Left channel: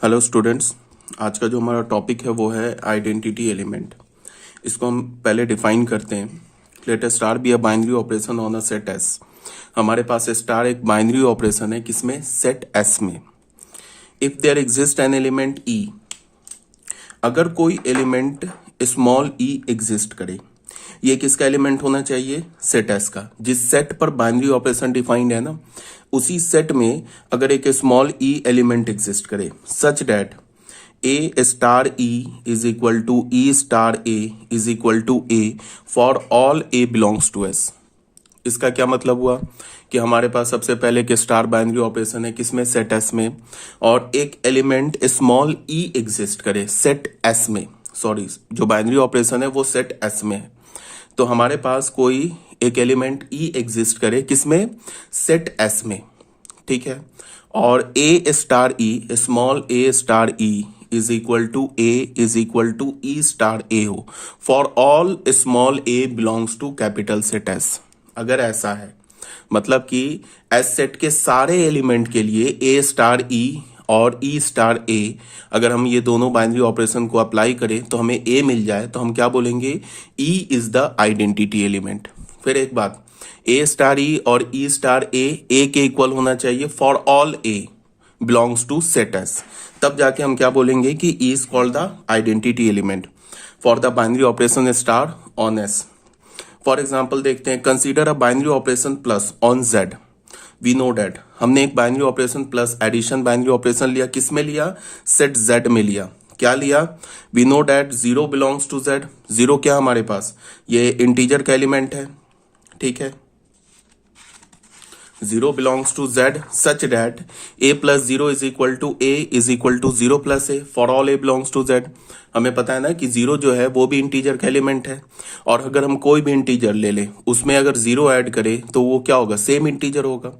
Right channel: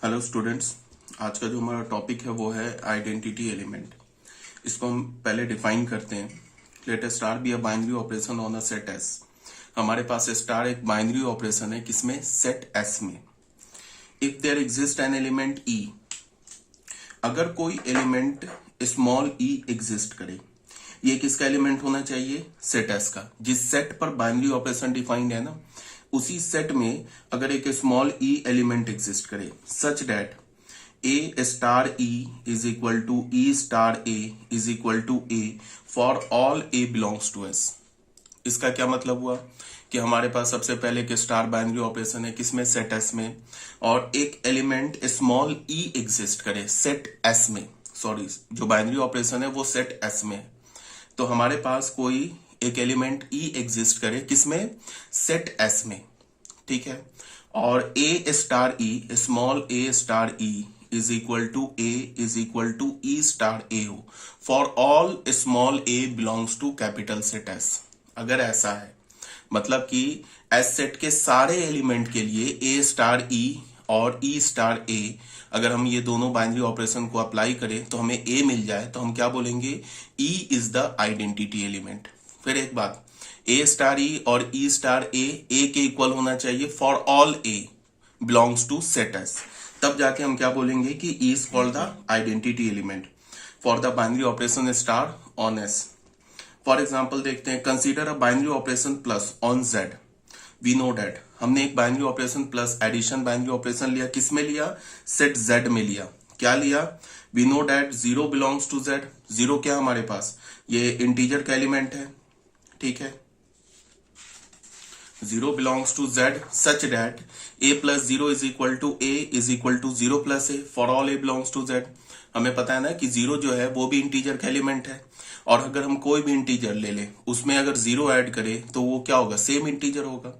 Hello students. आज का जो हमारा टॉपिक है वो है आइडेंटिटी एलिमेंट। इसको हम पहले डिफाइन करते हैं। Let us star B a binary operation on a set S. हमारे पास स्टार एक बाइनरी ऑपरेशन है, किसमें? सेट एस में। If there exist an element e, अगर कोई एलिमेंट स्मॉल ई एग्जिस्ट करे, ये किसका एलिमेंट होना चाहिए? सेट एस का। जिस सेट पर बाइनरी ऑपरेशन डिफाइंड है ना, उसी सेट में अगर एक स्मॉल ई एलिमेंट एग्जिस्ट करे such that A star E is equal to E star A is equal to A for all A belongs to S. इसका क्या मतलब हुआ कि हमारे पास सबसे पहले एक स्टार बाइनरी ऑपरेशन है, किसमें? सेट एस में। और एक एलिमेंट स्मॉल ई एग्जिस्ट करे सेट एस में, सॉरी जो बाइनरी ऑपरेशन है वो सेट एस में है। तो हमारे पास कोई एक एलिमेंट ई एग्जिस्ट करे, किसमें? सेट एस में, ठीक है। और a star e, small a star E is equal to A is equal to E star a हो for all small a belongs to capital set S. अगर ऐसा है मतलब कि एस सेट के सारे एलिमेंट के लिए ए स्टार ई और ई स्टार ए, अगर हम ये दोनों बाइनरी ऑपरेशन को अप्लाई करें तो हमें ए मिल जाए, तो हम क्या बोलेंगे? E is the identity element. फिर एक बात, ए स्टार ई और ई स्टार ए के इक्वल होना चाहिए for all A belongs to set S. तब जाके हम क्या बोलेंगे कि E is called the identity element for the binary operation star on S. For example देखते हैं, consider a binary operation plus on Z. We know that हमने एक binary operation plus addition binary operation लिया, किसमें लिया? Set Z में लिया। क्या लिया? We know that zero belongs to Z. Zero क्या हमारे पास? ये इंटीजर का एलिमेंट है, ठीक है। Zero belongs to Z such that A plus zero is equal to A is equal to zero plus A for all A belongs to Z. हमें पता है ना कि जीरो जो है वो भी इंटीजर का एलिमेंट है, और अगर हम कोई भी इंटीजर ले लें उसमें अगर जीरो ऐड करें तो वो क्या होगा? सेम इंटीजर होगा।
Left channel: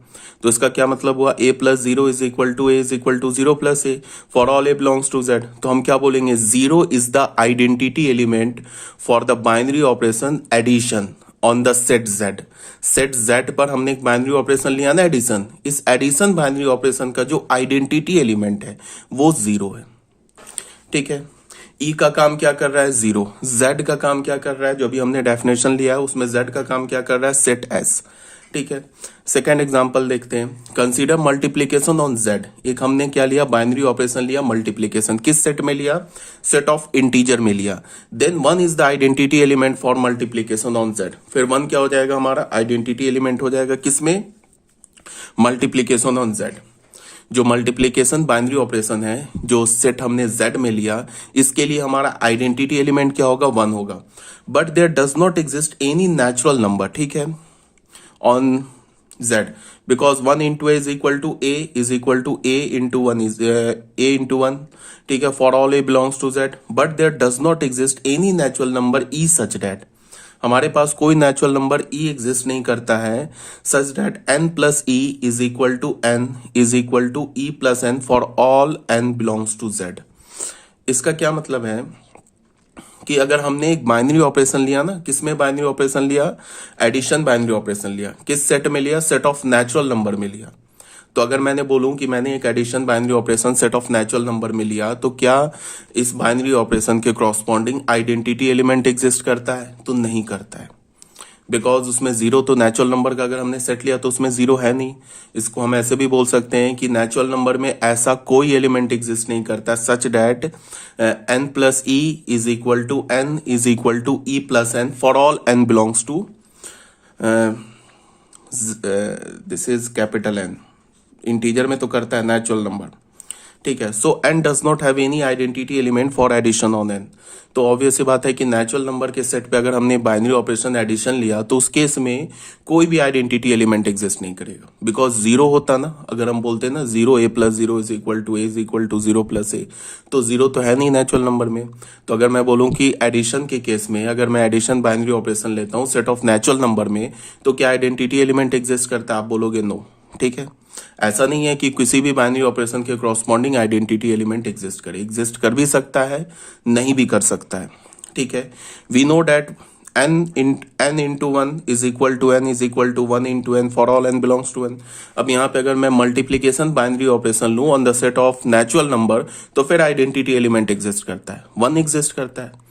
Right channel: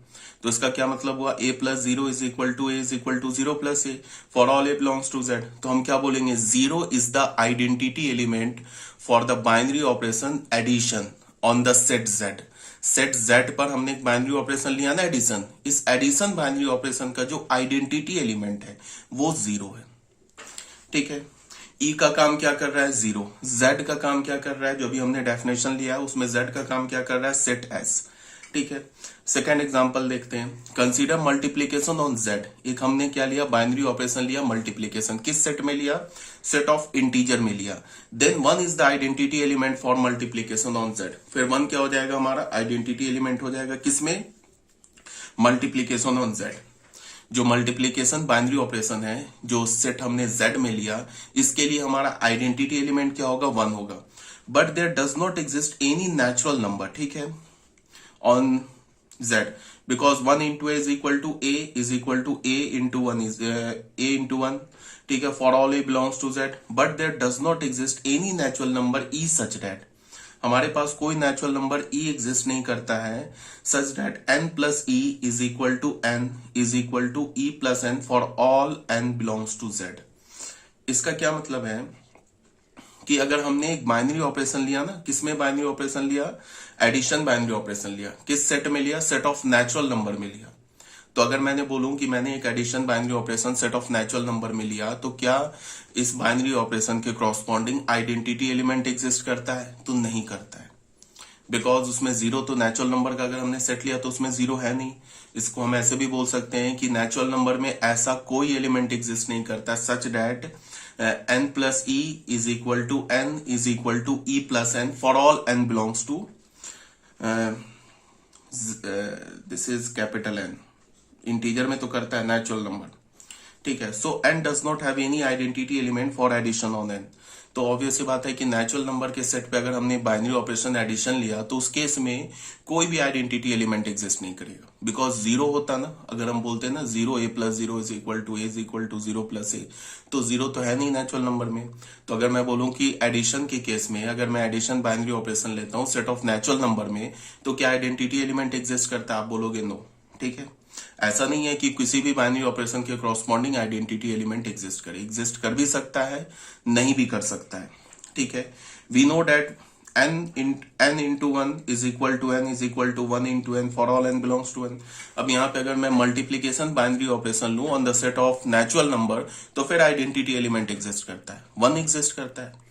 तो इसका क्या मतलब हुआ? A plus zero is equal to A is equal to zero plus A for all A belongs to Z. तो हम क्या बोलेंगे? Zero is the identity element for the binary operation addition on the set Z. Set Z पर हमने एक binary operation लिया ना, addition. इस एडिशन बाइनरी ऑपरेशन का जो आइडेंटिटी एलिमेंट है वो जीरो है, ठीक है। ई का काम क्या कर रहा है? जीरो। जेड का काम क्या कर रहा है? जो भी हमने डेफिनेशन लिया है उसमें जेड का काम क्या कर रहा है? सेट एस, ठीक है। सेकेंड एग्जांपल देखते हैं, कंसीडर मल्टीप्लीकेशन ऑन जेड। एक हमने क्या लिया? बाइनरी ऑपरेशन लिया, मल्टीप्लीकेशन। किस सेट में लिया? सेट ऑफ इंटीजर में लिया। Then one is the identity element for multiplication on Z. फिर वन क्या हो जाएगा? हमारा आइडेंटिटी एलिमेंट हो जाएगा, किसमें? Multiplication on Z. जो मल्टीप्लीकेशन बाइनरी ऑपरेशन है जो सेट हमने जेड में लिया, इसके लिए हमारा आइडेंटिटी एलिमेंट क्या होगा? वन होगा। But there does not exist any natural number, ठीक है, on z, because 1 into a is equal to a is equal to a into 1 is a into 1, ठीक है, for all a belongs to z, but there does not exist any natural number e such that, हमारे पास कोई natural number e exist नहीं करता है such that n plus e is equal to n is equal to e plus n for all n belongs to z। इसका क्या मतलब है कि अगर हमने एक बाइनरी ऑपरेशन लिया ना, किसमें बाइनरी ऑपरेशन लिया? एडिशन बाइनरी ऑपरेशन लिया। किस सेट में लिया? सेट ऑफ नेचुरल नंबर में लिया। तो अगर मैंने बोलूं कि मैंने एक addition binary operation set of natural number में लिया, तो क्या इस बाइनरी ऑपरेशन के कॉरस्पॉन्डिंग आइडेंटिटी एलिमेंट एग्जिस्ट करता है? तो नहीं करता है, बिकॉज उसमें जीरो, तो नेचुरल नंबर का अगर हमने सेट लिया तो उसमें जीरो है नहीं। इसको हम ऐसे भी बोल सकते हैं कि नेचुरल नंबर में ऐसा कोई एलिमेंट एग्जिस्ट नहीं करता such that n plus E is equal to n is equal to E plus n for all n belongs to this is capital N। Integer में तो करता है नेचुरल नंबर, ठीक है। So n does not have any identity element for addition on n। तो obvious बात है कि नेचुरल नंबर के सेट पे अगर हमने बाइनरी ऑपरेशन एडिशन लिया तो उस केस में कोई भी आइडेंटिटी एलिमेंट एग्जिस्ट नहीं करेगा, बिकॉज जीरो होता ना। अगर हम बोलते ना zero a plus zero is equal to A is equal to zero plus a, तो जीरो तो है नहीं नेचुरल नंबर में। तो अगर मैं बोलूं कि एडिशन के केस में अगर मैं एडिशन बाइनरी ऑपरेशन लेता हूं सेट ऑफ नेचुरल नंबर में, तो क्या आइडेंटिटी एलिमेंट एग्जिस्ट करता है? आप बोलोगे नो, ठीक है। ऐसा नहीं है कि किसी भी बाइनरी ऑपरेशन के कॉरस्पॉन्डिंग आइडेंटिटी एलिमेंट एग्जिस्ट करे। एग्जिस्ट कर भी सकता है, नहीं भी कर सकता है, ठीक है। We know that n into one is equal to n is equal to 1 into n for all n belongs to n। अब यहाँ पे अगर मैं मल्टीप्लीकेशन बाइनरी ऑपरेशन लूं on the set of natural number, तो फिर आइडेंटिटी एलिमेंट एग्जिस्ट करता है, 1 एग्जिस्ट करता है,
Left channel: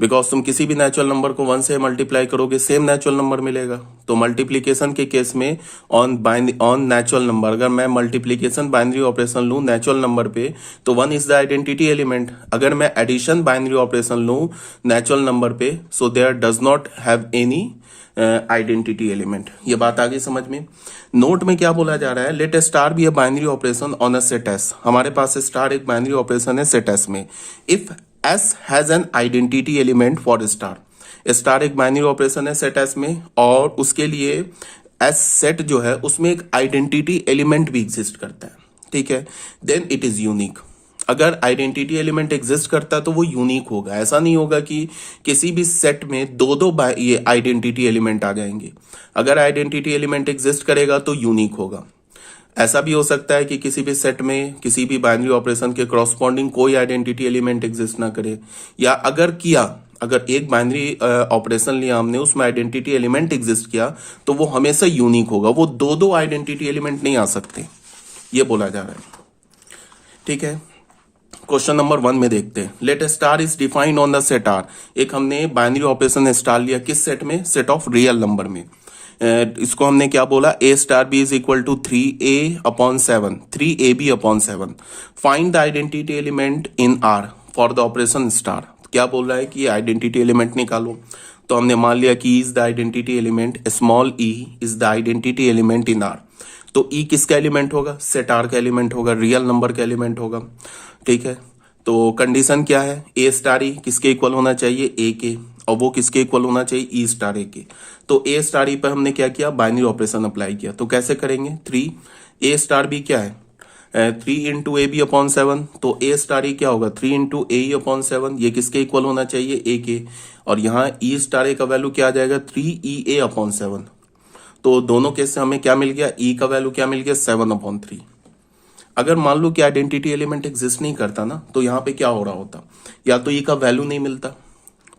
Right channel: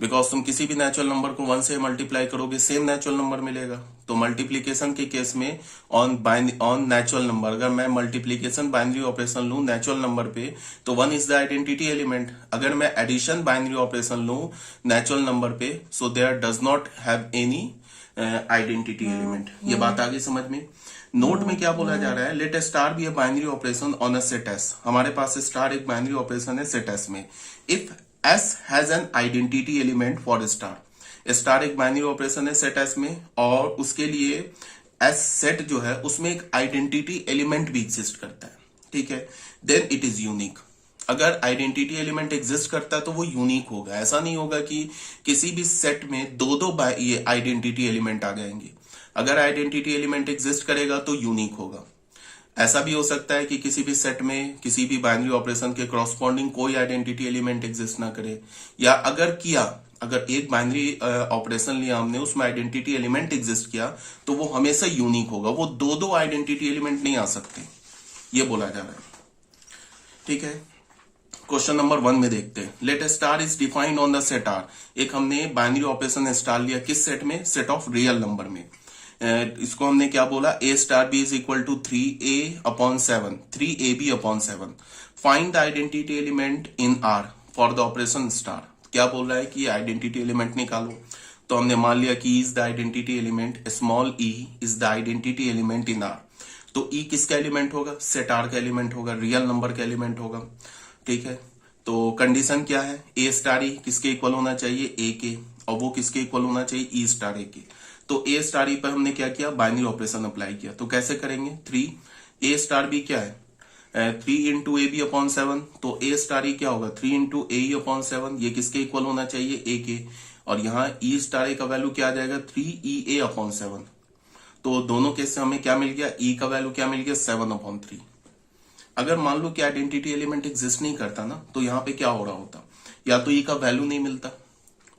बिकॉज तुम किसी भी नेचुरल नंबर को 1 से मल्टीप्लाई करोगे सेम नेचुरल नंबर मिलेगा। तो मल्टीप्लीकेशन के केस में ऑन नेचुरल नंबर, अगर मैं मल्टीप्लीकेशन बाइनरी ऑपरेशन लूं नेचुरल नंबर पे, तो 1 इज द आइडेंटिटी एलिमेंट। अगर मैं एडिशन बाइनरी ऑपरेशन लूं नेचुरल नंबर पे, so there does not have any identity element. ये बात आगे समझ में। नोट में क्या बोला जा रहा है, let star B a binary operation on a set S. हमारे पास स्टार एक बाइनरी ऑपरेशन है सेट एस में। If S has an identity element for star, star एक बाइनरी ऑपरेशन है सेट S में, और उसके लिए S सेट जो है उसमें एक आइडेंटिटी एलिमेंट भी एग्जिस्ट करता है, ठीक है। Then it is unique. अगर आइडेंटिटी एलिमेंट एग्जिस्ट करता है तो वो यूनिक होगा। ऐसा नहीं होगा कि किसी भी सेट में दो ये आइडेंटिटी एलिमेंट आ जाएंगे। अगर आइडेंटिटी एलिमेंट एग्जिस्ट करेगा तो यूनिक होगा। ऐसा भी हो सकता है कि किसी भी सेट में किसी भी बाइनरी ऑपरेशन के कॉरस्पॉन्डिंग कोई आइडेंटिटी एलिमेंट एग्जिस्ट ना करे, या अगर एक बाइनरी ऑपरेशन लिया हमने, उसमें आइडेंटिटी एलिमेंट एग्जिस्ट किया, तो वो हमेशा यूनिक होगा। वो दो आइडेंटिटी एलिमेंट नहीं आ सकते, ये बोला जा रहा है, ठीक है। क्वेश्चन नंबर 1 में देखते हैं। Let star is defined on the set R. एक हमने बाइनरी ऑपरेशन स्टार लिया किस सेट में, सेट ऑफ रियल नंबर में। इसको हमने क्या बोला, a star B is equal to 3a/7, 3ab/7। Find the identity element in R for the operation star. क्या बोल रहा है कि आइडेंटिटी एलिमेंट निकालो। तो हमने मान लिया कि is the identity element, small E is the identity element in are. तो ई किसका एलिमेंट होगा, सेट आर का एलिमेंट होगा, रियल नंबर का एलिमेंट होगा, ठीक है। तो कंडीशन क्या है, ए स्टार ई किसके इक्वल होना चाहिए, ए के, और वो किसके इक्वल होना चाहिए, ई स्टार ए के। तो ए स्टार ई पर हमने क्या किया, बाइनरी ऑपरेशन अप्लाई किया। तो कैसे करेंगे, 3 ए स्टार बी क्या है, 3 इंटू ए बी अपॉन 7। तो ए स्टार ई क्या होगा, 3 इंटू ए ई अपॉन 7। ये किसके इक्वल होना चाहिए, ए के। और यहाँ ई स्टार ए का वैल्यू क्या आ जाएगा, 3EA/7। तो दोनों केस से हमें क्या मिल गया, ई का वैल्यू क्या मिल गया, 7/3। अगर मान लो कि आइडेंटिटी एलिमेंट एग्जिस्ट नहीं करता ना, तो यहाँ पे क्या हो रहा होता, या तो ई का वैल्यू नहीं मिलता,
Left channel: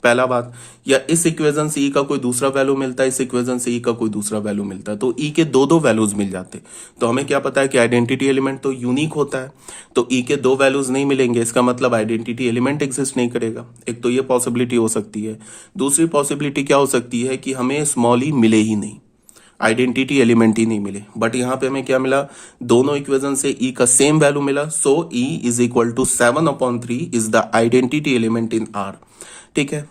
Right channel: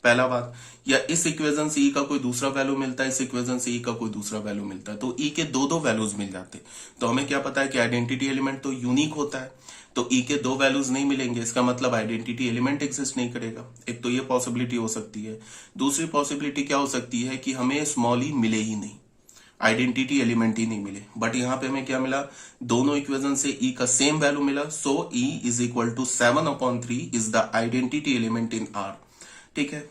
पहला बात, या इस इक्वेशन से ई का कोई दूसरा वैल्यू मिलता है, इस इक्वेशन से ई का कोई दूसरा वैल्यू मिलता है, तो ई के दो वैल्यूज मिल जाते। तो हमें क्या पता है कि आइडेंटिटी एलिमेंट तो यूनिक होता है, तो ई के 2 वैल्यूज नहीं मिलेंगे, इसका मतलब आइडेंटिटी एलिमेंट एग्जिस्ट नहीं करेगा। एक तो ये पॉसिबिलिटी हो सकती है। दूसरी पॉसिबिलिटी क्या हो सकती है कि हमें स्मॉल ई मिले ही नहीं, आइडेंटिटी एलिमेंट ही नहीं मिले। बट यहाँ पे हमें क्या मिला, दोनों इक्वेशन से ई का सेम वैल्यू मिला। So e is equal to 7/3 is the identity element in R, ठीक है।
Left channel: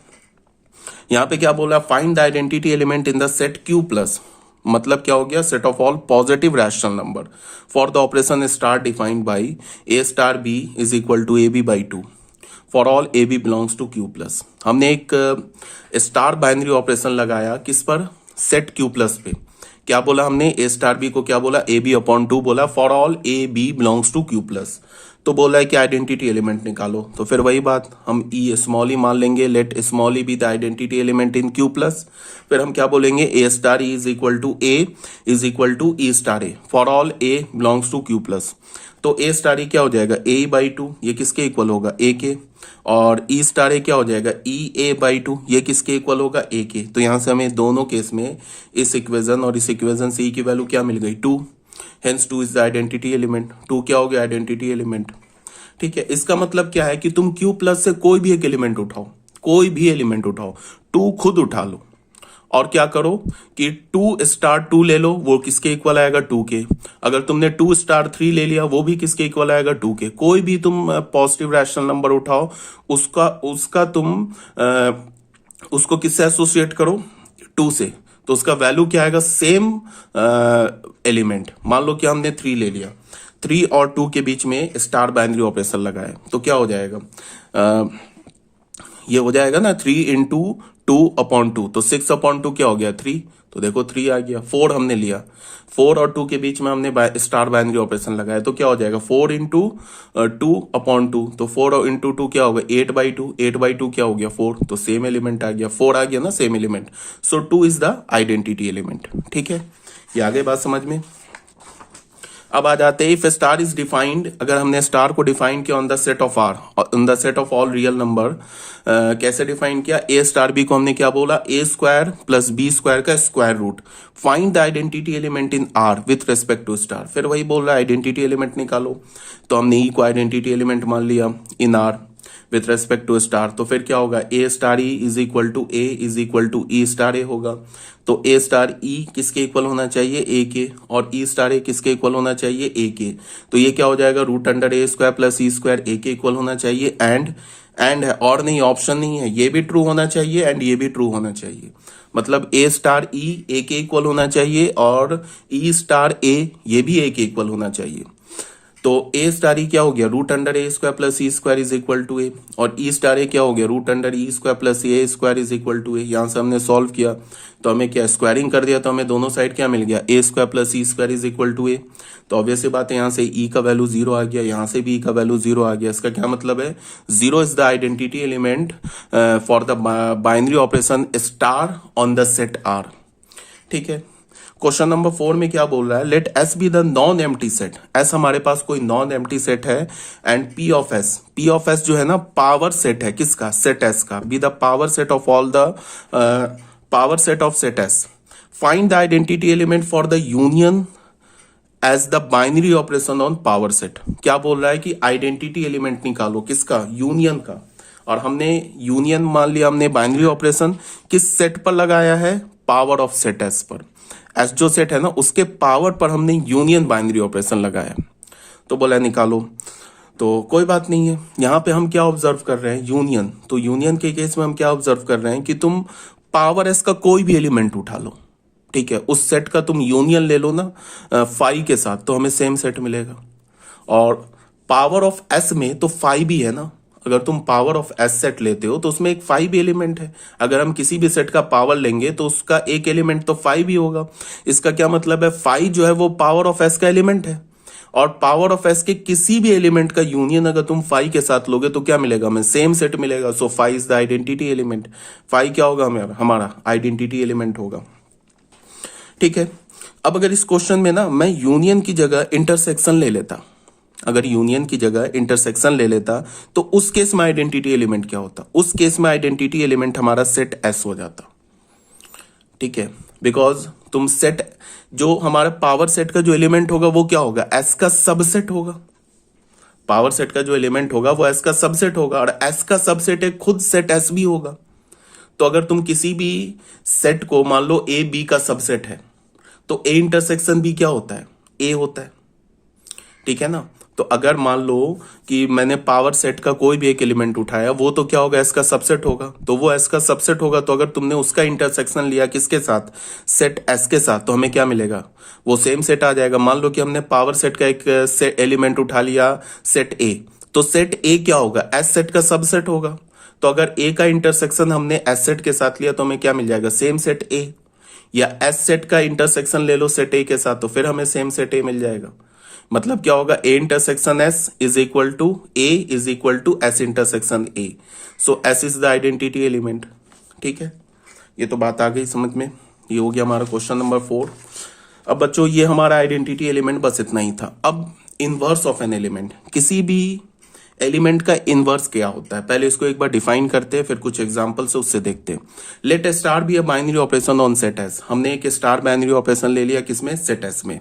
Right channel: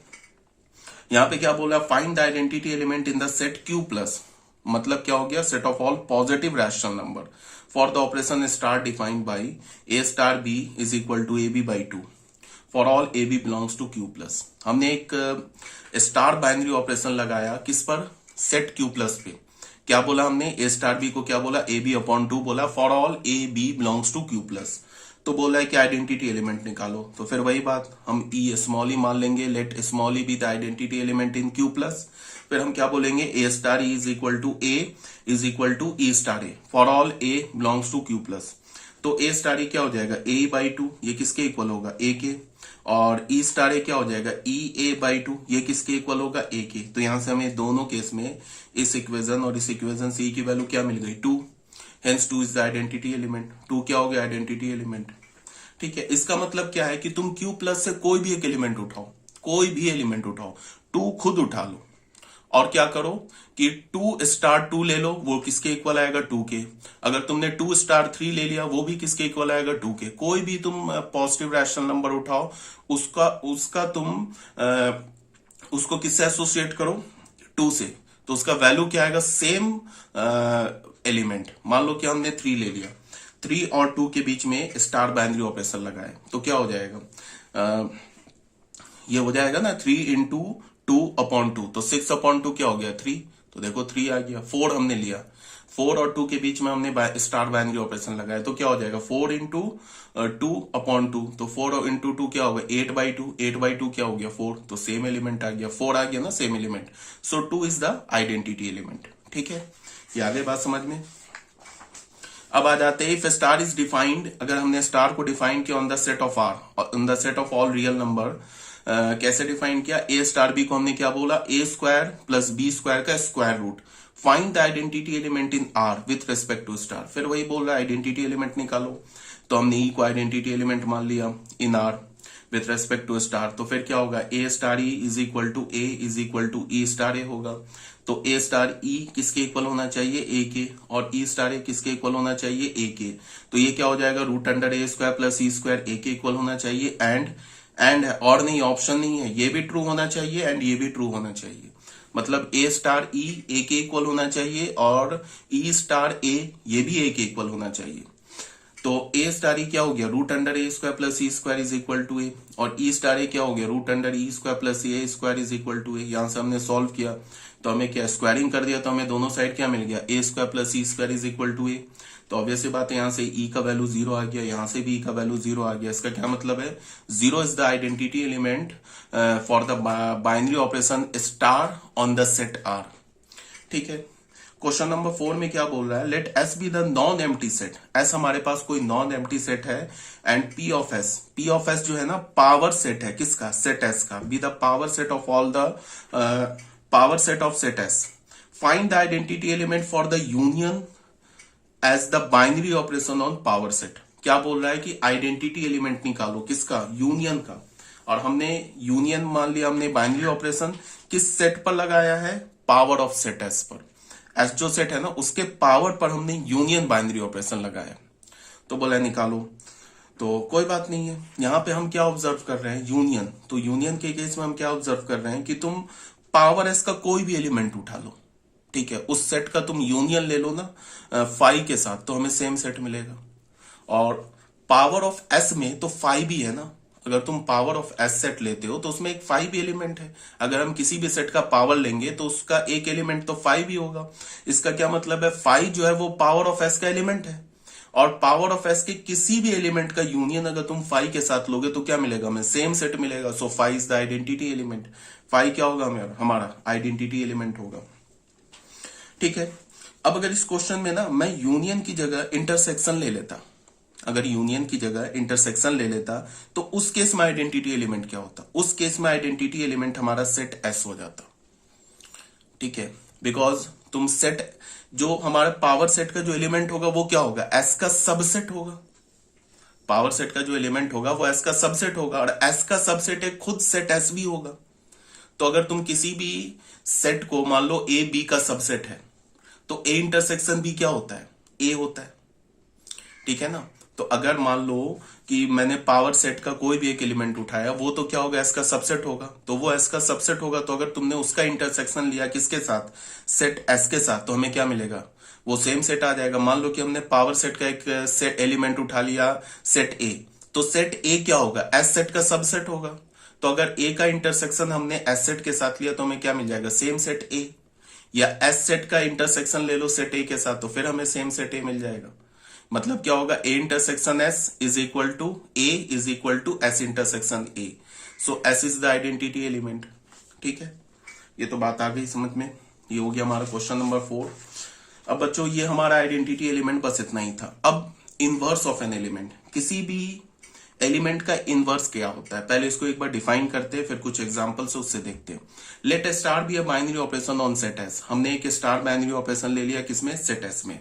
यहाँ पे क्या बोला, find the identity element in the set Q plus. मतलब क्या हो गया, set of all positive rational number for the operation star defined by a star B is equal to AB/2 for all AB belongs to Q plus. हमने एक star binary operation लगाया किस पर, set Q plus पे। क्या बोला हमने, ए star B को क्या बोला, AB/2 बोला for all AB belongs to Q plus. तो बोला है कि आइडेंटिटी एलिमेंट निकालो। तो फिर वही बात, हम ई स्मॉल ई मान लेंगे, let small e be the identity element in Q plus. फिर हम क्या बोलेंगे, a star E is equal to A is equal to E star a for all A belongs to Q plus. तो a star ई क्या हो जाएगा, A/2, ये किसके इक्वल होगा, ए के। और ई स्टार ए क्या हो जाएगा, EA/2, ये किसके इक्वल होगा, ए के। तो यहां से हमें दोनों केस में इस इक्वेशन और इस इक्वेशन से ई की वैल्यू क्या मिल गई, 2। Hence 2 is the identity element. 2 क्या हो गया, आइडेंटिटी एलिमेंट, ठीक है। इसका मतलब क्या है कि तुम Q प्लस से कोई भी एक एलिमेंट उठाओ, कोई भी एलिमेंट उठाओ, 2 खुद उठा लो, और क्या करो कि 2 स्टार 2 ले लो, वो किसके इक्वल आएगा, 2 के। अगर तुमने 2 स्टार 3 ले लिया, वो भी किसके इक्वल आएगा, 2 के। कोई भी तुम पॉजिटिव रैशनल नंबर उठाओ, उसका तुम उसको किससे एसोसिएट करो, 2 से, तो उसका वैल्यू क्या आएगा, सेम एलिमेंट। मान लो कि हमने 3 ले लिया, 3 और 2 के बीच में स्टार बाइनरी ऑपरेशन लगाए, तो क्या हो जाएगा, ये हो जाएगा ना 3 इंटू 2/2, तो 6/2 क्या हो गया, 3। तो देखो 3 आ गया। 4 हमने लिया, 4 और 2 के बीच में हमने स्टार बाइनरी ऑपरेशन लगाया, तो क्या हो जाएगा, 4 इंटू 2/2। तो 4 इंटू 2 क्या होगा, 8/2, 8/2 क्या हो गया, 4। तो सेम एलिमेंट आ गया, 4 आ गया ना, same element. So 2 is the identity element, ठीक है। ये आगे बात समझ में। अब आ जाते हैं, इफ स्टार इज डिफाइंड, अगर हमने स्टार को डिफाइन किया on the set of R, on the set of all real number, कैसे डिफाइन किया, ए स्टार बी को हमने क्या बोला, A square plus B square का square root, find the identity element in R with respect to star. फिर वही बोल रहा है आइडेंटिटी एलिमेंट निकालो, तो हमने ई को आइडेंटिटी एलिमेंट मान लिया in R with respect to star, तो फिर क्या होगा, a star E is equal to A is equal to E star a होगा। तो ए स्टार ई किसके इक्वल होना चाहिए, ए के, और ई स्टार ए किसके इक्वल होना चाहिए, ए के। तो ये क्या हो जाएगा, root under a square plus e square ए के इक्वल होना चाहिए। एंड है और नहीं, ऑप्शन नहीं है, ये भी ट्रू होना चाहिए एंड ये भी ट्रू होना चाहिए। मतलब ए स्टार ई ए के इक्वल होना चाहिए और ई स्टार ए ये भी ए के इक्वल होना चाहिए। तो ए स्टार ई क्या हो गया, root under a square plus e square is equal to a, और ई स्टार ए क्या हो गया, root under e square plus a square is equal to a. यहां से हमने सॉल्व किया तो हमें क्या, स्क्वायरिंग कर दिया तो हमें दोनों साइड क्या मिल गया, a square plus e square is equal to a. तो ऑब्वियस सी बात है, यहां से ई का वैल्यू 0 आ गया, यहां से भी ई का वैल्यू 0 आ गया। इसका क्या मतलब है, 0 is the identity element for the binary operation star on the set R. ठीक है, क्वेश्चन नंबर 4 में क्या बोल रहा है, let S be the non empty set. S हमारे पास कोई नॉन एम्प्टी सेट है एंड पी ऑफ एस जो है ना पावर सेट है, किसका, सेट एस का, be the power set of all the power set of set S. Find the identity element for the union as the binary operation on power set. क्या बोल रहा है कि आइडेंटिटी एलिमेंट निकालो, किसका, यूनियन का। और हमने यूनियन मान लिया, हमने बाइनरी ऑपरेशन किस सेट पर लगाया है, पावर ऑफ सेट एस पर। एस जो सेट है ना उसके पावर पर हमने यूनियन बाइनरी ऑपरेशन लगाया, तो बोला निकालो। तो कोई बात नहीं है, यहां पे हम क्या ऑब्जर्व कर रहे हैं, यूनियन। तो यूनियन के केस में हम क्या ऑब्जर्व कर रहे हैं कि तुम पावर एस का कोई भी एलिमेंट उठा लो, ठीक है, उस सेट का तुम यूनियन ले लो ना फाइव के साथ, तो हमें सेम सेट मिलेगा। और पावर ऑफ एस में तो फाइव भी है ना, अगर तुम पावर ऑफ एस सेट लेते हो तो उसमें एक फाइव एलिमेंट है। अगर हम किसी भी सेट का पावर लेंगे तो उसका एक एलिमेंट तो फाइव ही होगा। इसका क्या मतलब है, फाइव जो है वो पावर ऑफ एस का एलिमेंट है, और पावर ऑफ एस के किसी भी एलिमेंट का यूनियन अगर तुम फाइव के साथ लोगे तो क्या मिलेगा, हमें सेम सेट मिलेगा। So five is the identity element. Five क्या होगा, हमारा आइडेंटिटी एलिमेंट होगा। ठीक है, अब अगर इस क्वेश्चन में ना मैं यूनियन की जगह इंटरसेक्शन ले लेता, अगर यूनियन की जगह इंटरसेक्शन ले लेता तो उस केस में आइडेंटिटी एलिमेंट क्या होता, उस केस में आइडेंटिटी एलिमेंट हमारा सेट एस हो जाता। ठीक है, बिकॉज तुम सेट, जो हमारा पावर सेट का जो एलिमेंट होगा वो क्या होगा, एस का सबसेट होगा। पावर सेट का जो एलिमेंट होगा वो एस का सबसेट होगा, और एस का सबसेट एक खुद सेट एस भी होगा। तो अगर तुम किसी भी सेट को मान लो ए बी का सबसेट है, तो ए इंटरसेक्शन बी क्या होता है, ए होता है। ठीक है ना, तो अगर मान लो कि मैंने पावर सेट का कोई भी एक एलिमेंट उठाया, वो तो क्या होगा, एस का सबसेट होगा, तो वो एस का सबसेट होगा। तो अगर तुमने उसका इंटरसेक्शन लिया किसके साथ, सेट एस के साथ, तो हमें क्या मिलेगा, वो सेम सेट आ जाएगा। मान लो कि हमने पावर सेट का एक एलिमेंट उठा लिया सेट ए, तो सेट ए क्या होगा, एस सेट का सबसेट होगा। तो अगर ए का इंटरसेक्शन हमने एस सेट के साथ लिया तो हमें क्या मिल जाएगा, सेम सेट ए। या एस सेट का इंटरसेक्शन ले लो सेट ए के साथ, तो फिर हमें सेम सेट ए मिल जाएगा। मतलब क्या होगा, A intersection S is equal to A is equal to S intersection A. So S is the identity element. ठीक है, ये तो बात आ गई समझ में। ये हो गया हमारा क्वेश्चन नंबर 4। अब बच्चों ये हमारा आइडेंटिटी एलिमेंट बस इतना ही था। अब इनवर्स ऑफ एन एलिमेंट, किसी भी एलिमेंट का इनवर्स क्या होता है, पहले इसको एक बार डिफाइन करते हैं, फिर कुछ एग्जांपल से उससे देखते हैं। Let A star B a binary operation on set S. हमने एक स्टार बाइनरी ऑपरेशन ले लिया किसमें, सेट एस में,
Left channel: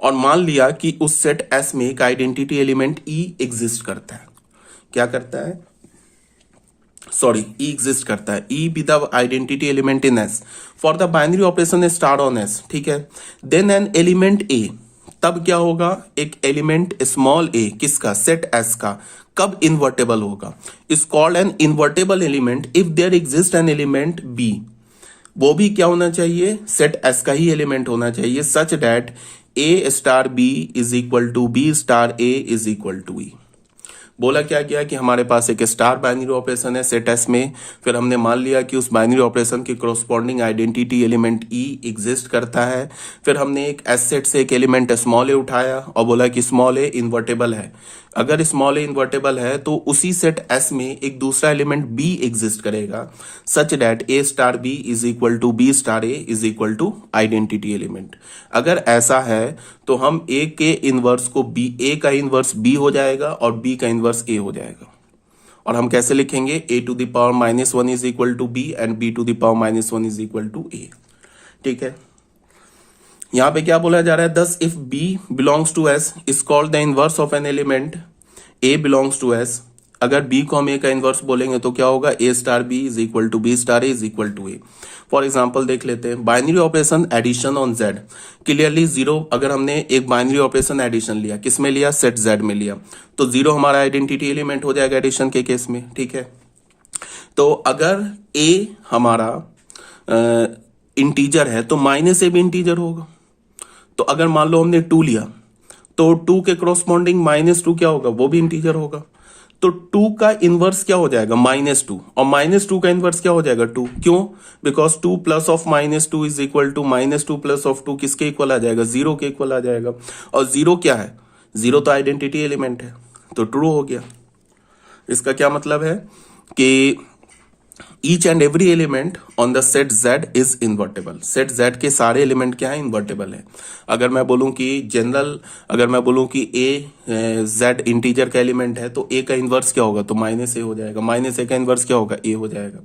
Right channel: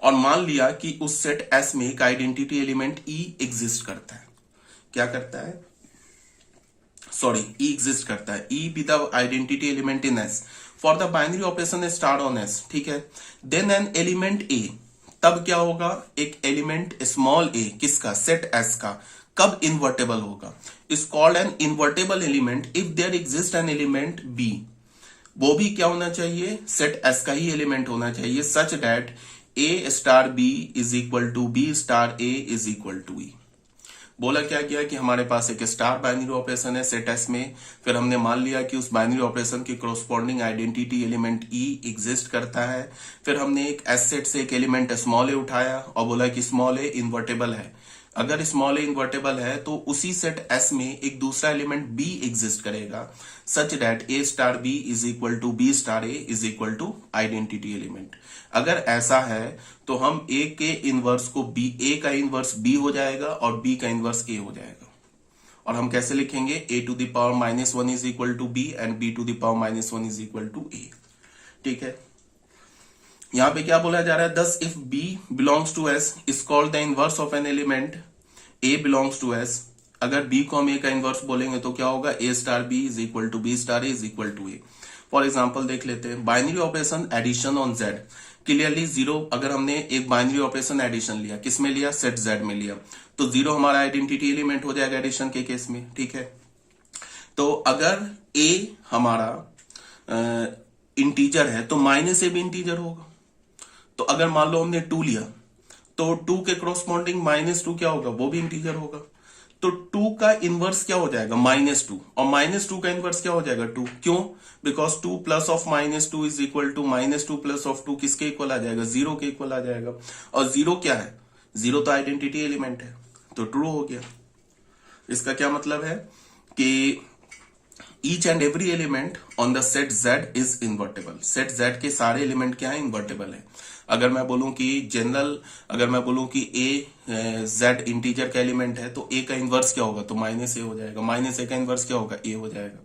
और मान लिया कि उस सेट एस में एक आइडेंटिटी एलिमेंट ई एग्जिस्ट करता है। क्या करता है, सॉरी, ई एग्जिस्ट करता है। ई be the identity element in S for the binary operation star on S. ठीक है, देन एन एलिमेंट ए, तब क्या होगा, एक एलिमेंट स्मॉल ए किसका, सेट एस का, कब इन्वर्टेबल होगा, is called an invertible element if there exist an element B. वो भी क्या होना चाहिए, सेट एस का ही एलिमेंट होना चाहिए, such that A star B is equal to B star A is equal to e. बोला क्या गया कि हमारे पास एक स्टार बाइनरी ऑपरेशन है सेट एस में, फिर हमने मान लिया कि उस बाइनरी ऑपरेशन के corresponding identity element e exist करता है। फिर हमने एक एस सेट से एक एलिमेंट स्मॉल ए उठाया और बोला कि स्मॉल ए इन्वर्टेबल है। अगर स्मॉल ए इन्वर्टेबल है तो उसी सेट एस में एक दूसरा एलिमेंट बी एग्जिस्ट करेगा, such that A star B is equal to B star A is equal to identity element. अगर ऐसा है तो हम ए के इनवर्स को बी, ए का इनवर्स बी हो जाएगा और बी का इनवर्स ए हो जाएगा। और हम कैसे लिखेंगे, a to the power -1 is equal to b and b to the power -1 is equal to a. ठीक है, यहां पे क्या बोला जा रहा है, thus if b belongs to s is called the inverse of an element a belongs to s. अगर बी को हम ए का इनवर्स बोलेंगे तो क्या होगा, a star B is equal to B star A is equal to A. For example देख लेते हैं, binary operation addition on z, clearly zero. अगर हमने एक बाइनरी ऑपरेशन एडिशन लिया, किस में लिया, सेट जेड में लिया, तो जीरो हमारा आइडेंटिटी एलिमेंट हो जाएगा एडिशन के केस में। ठीक है, तो अगर ए हमारा इंटीजर है तो माइनस ए भी इंटीजर होगा। तो अगर मान लो हमने 2 लिया तो 2 के क्रॉसपॉन्डिंग -2 क्या होगा, वो भी इंटीजर होगा। तो 2 का इनवर्स क्या हो जाएगा, -2, और -2 का इनवर्स क्या हो जाएगा, 2। क्यों, because 2 plus of -2 is equal to -2 plus of 2 किसके इक्वल आ जाएगा, 0 के इक्वल आ जाएगा। और 0 क्या है, 0 तो आइडेंटिटी एलिमेंट है, तो ट्रू हो गया। इसका क्या मतलब है कि each and every element on the set Z is invertible. Set Z के सारे एलिमेंट क्या है, इन्वर्टेबल है। अगर मैं बोलूं कि जनरल, अगर मैं बोलूं कि ए जेड इंटीजर का एलिमेंट है तो ए का इनवर्स क्या होगा, तो -a हो जाएगा। -a का इनवर्स क्या होगा, ए हो जाएगा।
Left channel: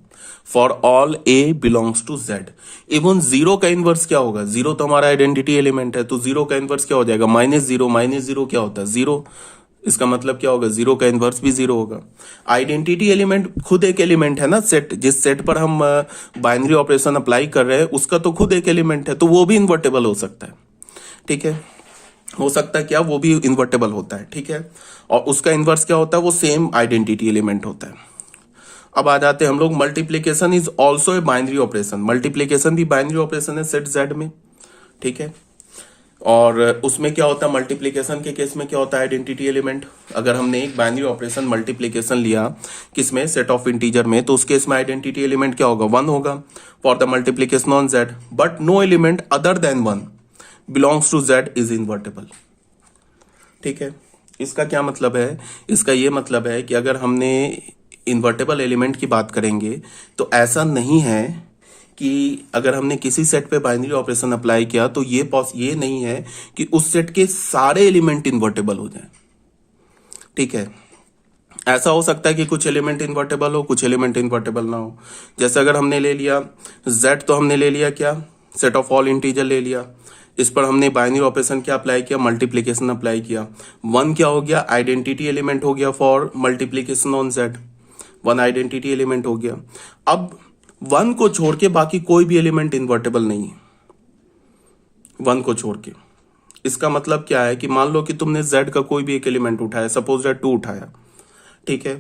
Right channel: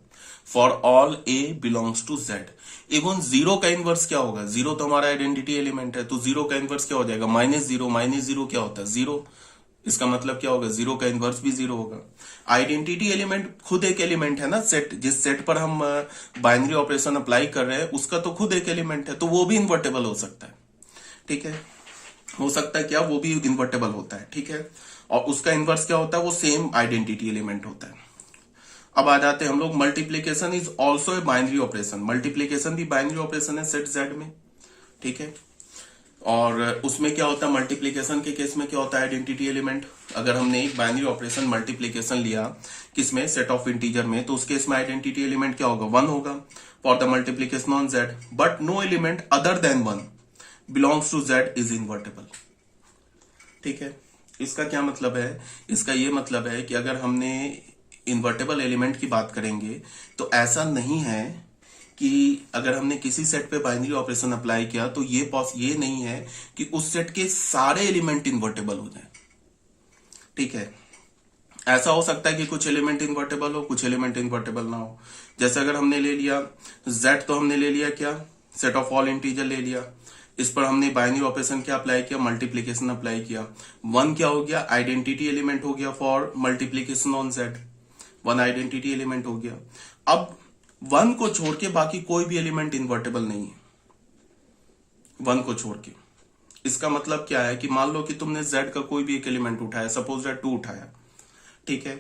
For all A belongs to Z. Even 0 का इनवर्स क्या होगा, 0 तो हमारा आइडेंटिटी एलिमेंट है, तो 0 का इनवर्स क्या हो जाएगा, -0। -0 क्या होता है, 0। इसका मतलब क्या होगा, 0 का इनवर्स भी 0 होगा। आइडेंटिटी एलिमेंट खुद एक एलिमेंट है ना, सेट, जिस सेट पर हम बाइनरी ऑपरेशन अप्लाई कर रहे हैं उसका तो खुद एक एलिमेंट है, तो वो भी इन्वर्टेबल हो सकता है। ठीक है, हो सकता है क्या, वो भी इन्वर्टेबल होता है। ठीक है, और उसका इनवर्स क्या होता है, वो सेम आइडेंटिटी एलिमेंट होता है। अब आ जाते हैं हम लोग, multiplication is also a binary operation. Multiplication भी बाइनरी ऑपरेशन है सेट जेड में। ठीक है, और उसमें क्या होता है, मल्टीप्लीकेशन के केस में क्या होता है, आइडेंटिटी एलिमेंट। अगर हमने एक बाइनरी ऑपरेशन मल्टीप्लीकेशन लिया किसमें, सेट ऑफ इंटीजर में, तो उस केस में आइडेंटिटी एलिमेंट क्या होगा, 1 होगा for the multiplication on Z. But no element other than 1 belongs to Z is invertible. ठीक है, इसका क्या मतलब है, इसका ये मतलब है कि अगर हमने इन्वर्टेबल एलिमेंट की बात करेंगे तो ऐसा नहीं है कि अगर हमने किसी सेट पे बाइनरी ऑपरेशन अप्लाई किया तो ये नहीं है कि उस सेट के सारे एलिमेंट इन्वर्टेबल हो जाएं। ठीक है, ऐसा हो सकता है कि कुछ एलिमेंट इन्वर्टेबल हो, कुछ एलिमेंट इन्वर्टेबल ना हो। जैसे अगर हमने ले लिया z, तो हमने ले लिया क्या, सेट ऑफ ऑल इंटीजर ले लिया। इस पर हमने बाइनरी ऑपरेशन क्या अप्लाई किया, मल्टीप्लीकेशन अप्लाई किया। 1 क्या हो गया, आइडेंटिटी एलिमेंट हो गया for multiplication on z। 1 identity element हो गया। अब 1 को छोड़ के बाकी कोई भी एलिमेंट इन्वर्टेबल नहीं है, 1 को छोड़ के। इसका मतलब क्या है कि मान लो कि तुमने z का कोई भी एक एलिमेंट उठाया, सपोज दैट 2 उठाया। ठीक है,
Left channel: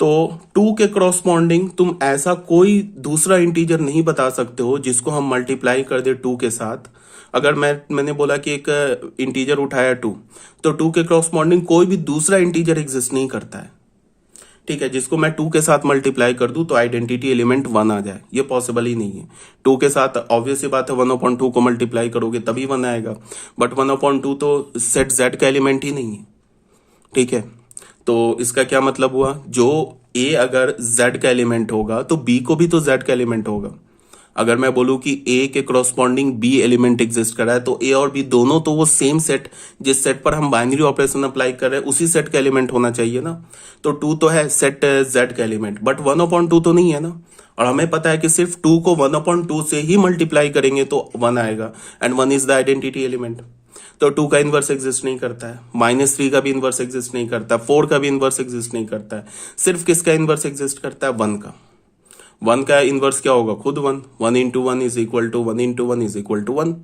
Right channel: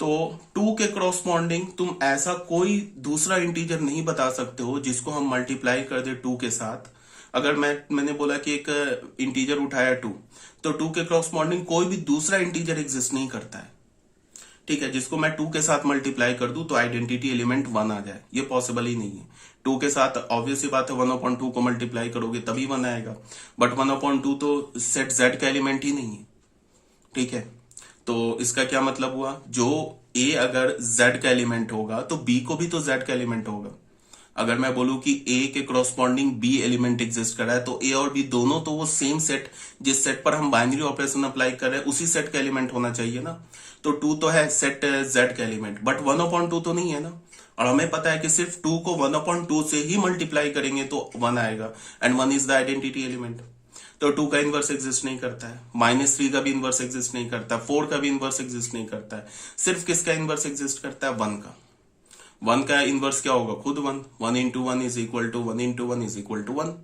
तो 2 के क्रॉसपॉन्डिंग तुम ऐसा कोई दूसरा इंटीजर नहीं बता सकते हो जिसको हम मल्टीप्लाई कर दे 2 के साथ। अगर मैंने बोला कि एक इंटीजर उठाया 2, तो 2 के क्रॉसपॉन्डिंग कोई भी दूसरा इंटीजर एग्जिस्ट नहीं करता है। ठीक है, जिसको मैं 2 के साथ मल्टीप्लाई कर दूं तो आइडेंटिटी एलिमेंट 1 आ जाए, ये पॉसिबल ही नहीं है। 2 के साथ ऑब्वियस सी बात है 1/2 को मल्टीप्लाई करोगे तभी 1 आएगा, बट 1/2 तो सेट जेड का एलिमेंट ही नहीं है। ठीक है, तो इसका क्या मतलब हुआ, जो ए अगर जेड का एलिमेंट होगा तो बी को भी तो जेड का एलिमेंट होगा। अगर मैं बोलूं कि ए के क्रॉसपॉन्डिंग बी एलिमेंट एग्जिस्ट कर रहा है तो ए और बी दोनों तो वो सेम सेट, जिस सेट पर हम बाइनरी ऑपरेशन अप्लाई कर रहे हैं उसी सेट का एलिमेंट होना चाहिए ना। तो 2 तो है सेट जेड का एलिमेंट, बट 1/2 तो नहीं है ना। और हमें पता है कि सिर्फ 2 को 1/2 से ही मल्टीप्लाई करेंगे तो 1 आएगा, and 1 is the identity element. तो 2 का इनवर्स एग्जिस्ट नहीं करता है, -3 का भी इनवर्स एग्जिस्ट नहीं करता, 4 का भी इनवर्स एग्जिस्ट नहीं करता है। सिर्फ किसका इनवर्स एग्जिस्ट करता है, 1 का। 1 का इनवर्स क्या होगा, खुद 1। 1 into 1 is equal to 1 into 1 is equal to 1.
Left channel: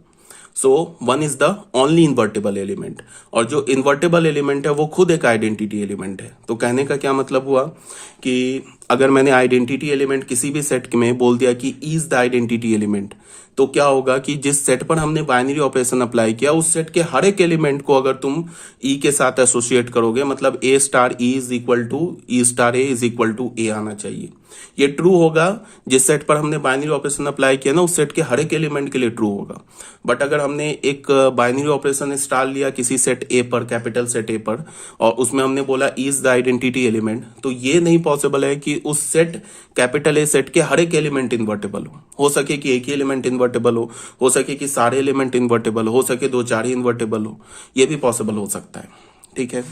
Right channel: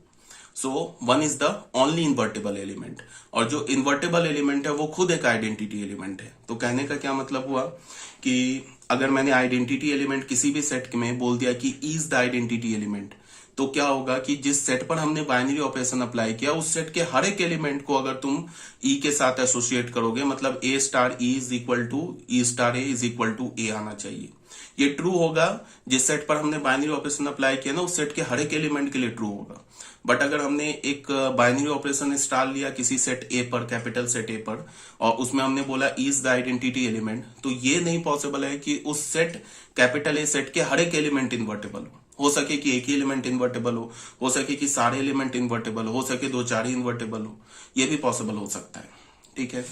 So 1 is the only invertible element, और जो इन्वर्टेबल एलिमेंट है वो खुद एक आइडेंटिटी एलिमेंट है। तो कहने का क्या मतलब हुआ कि अगर मैंने आइडेंटिटी एलिमेंट किसी भी सेट में बोल दिया कि इज द आइडेंटिटी एलिमेंट, तो क्या होगा कि जिस सेट पर हमने बाइनरी ऑपरेशन अप्लाई किया उस सेट के हर एक एलिमेंट को अगर तुम ई के साथ एसोसिएट करोगे, मतलब a star E is equal to E star A is equal to a आना चाहिए। ये ट्रू होगा जिस सेट पर हमने बाइनरी ऑपरेशन अप्लाई किया ना उस सेट के हर एक एलिमेंट के लिए ट्रू होगा। बट अगर हमने एक बाइनरी ऑपरेशन इंस्टॉल लिया किसी सेट ए पर, कैपिटल सेट ए पर, और उसमें हमने बोला इज द आइडेंटिटी एलिमेंट, तो ये नहीं पॉसिबल है कि कि उस सेट कैपिटल ए सेट के हर एक एलिमेंट इन्वर्टेबल हो सके कि एक ही एलिमेंट इन्वर्टेबल हो सके कि सारे एलिमेंट इन्वर्टेबल हो सके दो चार ही इन्वर्टेबल हो, ये भी पॉसिबल हो सकता है। ठीक है,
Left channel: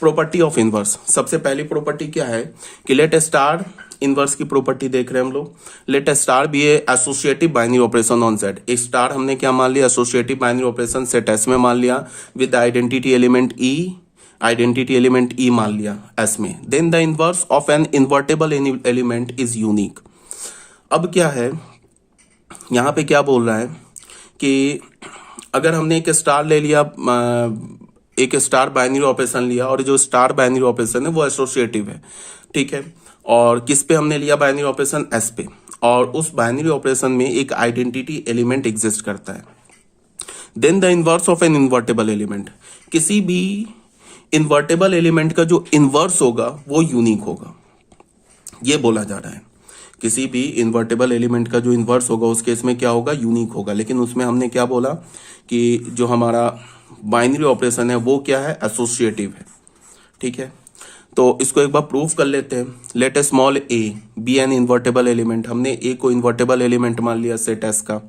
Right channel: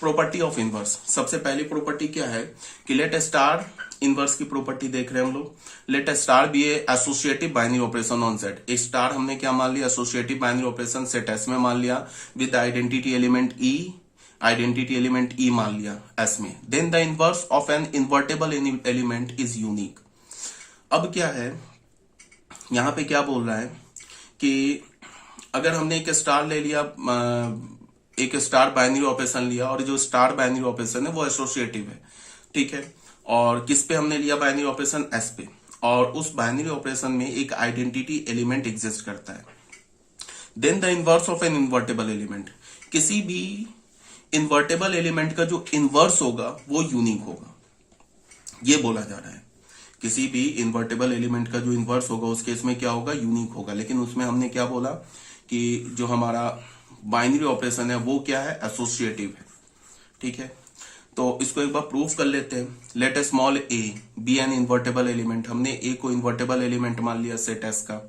प्रॉपर्टी ऑफ इनवर्स। सबसे पहली प्रॉपर्टी क्या है कि लेट स्टार, इनवर्स की प्रॉपर्टी देख रहे हैं हम लोग। Let star be associative binary operation on set. एक स्टार हमने क्या मान लिया, associative binary operation set S में मान लिया with identity element e, identity element e मान लिया एस में। Then the inverse of an invertible element is unique. अब क्या है यहां पे, क्या बोल रहा है कि अगर हमने एक स्टार ले लिया, एक स्टार बाइनरी ऑपरेशन लिया और जो स्टार बाइनरी ऑपरेशन है वो एसोसिएटिव है। ठीक है, और किस पे हमने लिया बाइनरी ऑपरेशन, एस पे, और उस बाइनरी ऑपरेशन में एक आइडेंटिटी एलिमेंट एग्जिस्ट करता है। Then the inverse of an invertible element, किसी भी इन्वर्टेबल एलिमेंट का जो इनवर्स होगा वो यूनिक होगा, ये बोला जा रहा है। किसी भी इन्वर्टेबल एलिमेंट का जो इनवर्स होगा उस केस में क्या होगा, यूनिक होगा। लेकिन उसमें हमने क्या बोला कि जो हमारा बाइनरी ऑपरेशन है वो क्या है, एसोसिएटिव है। ठीक है, तो इसको एक बार प्रूफ कर लेते हैं। Let small A be an invertible element. हमने ए को इन्वर्टेबल एलिमेंट मान लिया सेट एस का।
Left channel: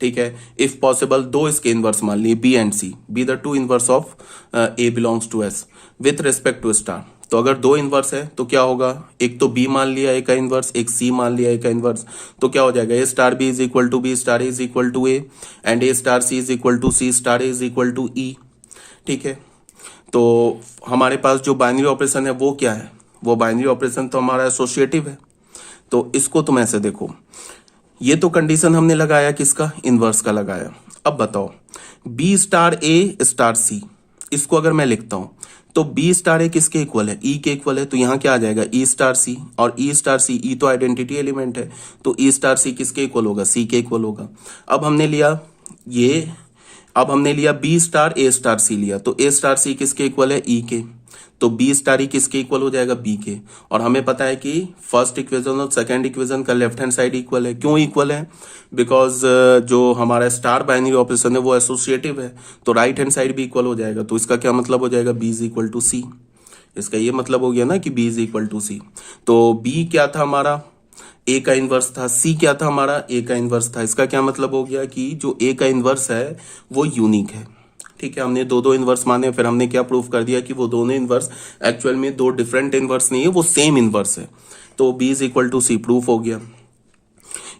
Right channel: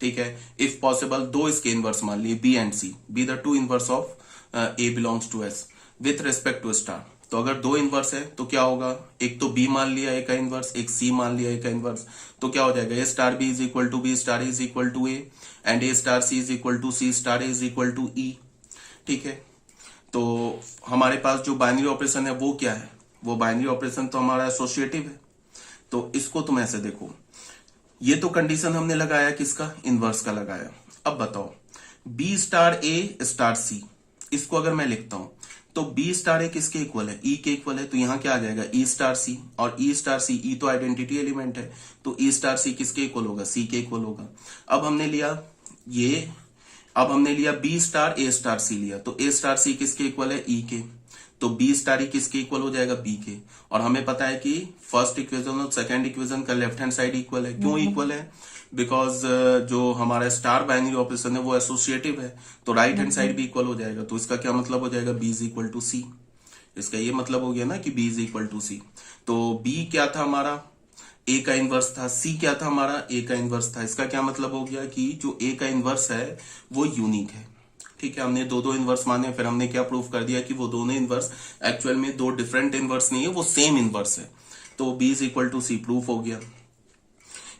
ठीक है, इफ पॉसिबल दो इसके इनवर्स मान लिए B and C, be the two inverse of A belongs to S with respect to star. तो अगर दो इनवर्स है तो क्या होगा, एक तो बी मान लिया ए का इनवर्स, एक सी मान लिया ए का इनवर्स, तो क्या हो जाएगा, a star B is equal to B star is equal to a and a star c is equal to c star is equal to e. ठीक है, तो हमारे पास जो बाइनरी ऑपरेशन है वो क्या है, वो बाइनरी ऑपरेशन तो हमारा एसोसिएटिव है। तो इसको तुम ऐसे देखो, ये तो कंडीशन हमने लगाया किसका, इनवर्स का लगाया। अब बताओ बी स्टार ए स्टार सी, इसको अगर मैं लिखता हूं तो बी स्टार ए किसके इक्वल है, ई के इक्वल है। तो यहां क्या आ जाएगा, ई स्टार सी, और ई स्टार सी, ई तो आइडेंटिटी एलिमेंट है तो ई स्टार सी किसके इक्वल होगा, सी के इक्वल होगा। अब हमने लिया ये, अब हमने लिया बी स्टार ए स्टार सी लिया, तो ए स्टार सी किसके इक्वल है, ई के, तो बी स्टार ई किसके इक्वल हो जाएगा, बी के। और हमें पता है कि फर्स्ट इक्वेशन और सेकंड इक्वेशन का लेफ्ट हैंड साइड इक्वल है। क्यों इक्वल है, बिकॉज जो हमारा स्टार बाइनरी ऑपरेशन है वो एसोसिएटिव है, तो राइट हैंड साइड भी इक्वल हो जाएगा। तो इसका क्या मतलब हो जाएगा, बी इज इक्वल टू सी। इसका ये मतलब हो गया ना कि बी इज इक्वल टू सी। तो बी क्या था हमारा, ए का इनवर्स था, सी क्या था हमारा, ए का इनवर्स था। इसका क्या मतलब हो गया कि जो ए का इनवर्स है वो यूनिक है। ठीक है, हमने दो इनवर्स माने, फिर हमने क्या प्रूफ कर दिया कि वो दोनों इनवर्स एक्चुअल में दो डिफरेंट इनवर्स नहीं है, वो सेम इनवर्स है। तो B is equal to C proof हो गया।